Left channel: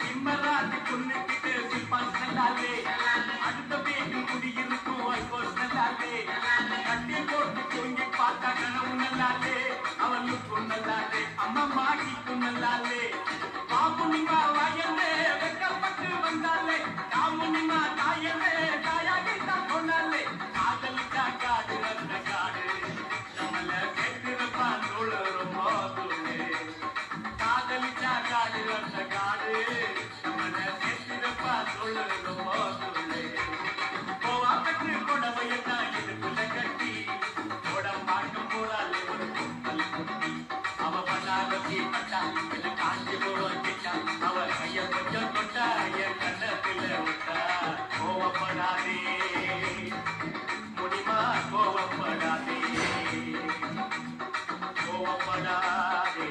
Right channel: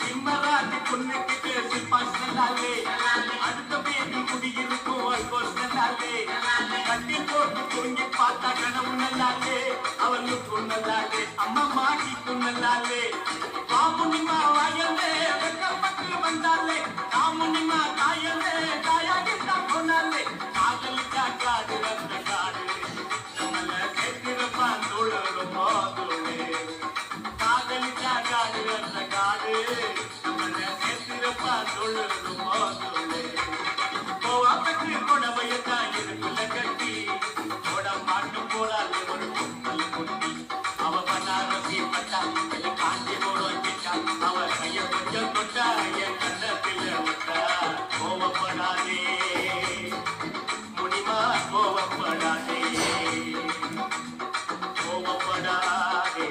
சிம்மராஜ் பொண்ணுக்கிட்ட சில்பாஸ் நல்லாலே அடுத்த பேபி குடியிருக்கும் அல்கோஸ் நல்லாலே கட்டி போட்டு தூங்கி பார்த்தா கனவு நல்லாலே அவளுக்கும் நல்லாலே அம்மா மாட்டிக்கும் நல்லாலே பாமுனிமா வாயந்தே வெக்கப்பட்டு வந்தாலே காமுனிமா தாயந்தே தாயாகிட்டா கொண்டாலே காதலிட்டா காடு வந்த காடு நம்மள கேட்டிருப்பான் தோழரும் போதுமே காதலிட்டா காடு வந்த காடு நம்மள கேட்டிருப்பான் தோழரும் போதுமே கோவா கட்டி புடவையத்தான் இதுக்குள்ள கட்டி போட மாட்டும் போடாலே ஒரு கும்பல் குட்டி அவ பண்ணாரத்தி பட்டா இல்ல காஞ்சி போடும் கிட்டா அவ கைய கொஞ்சம் தொட்டா என் கண்ணத்தில விட்டா கோவப்படாதே முடிமா கோவப்படாதே கோவப்படாதே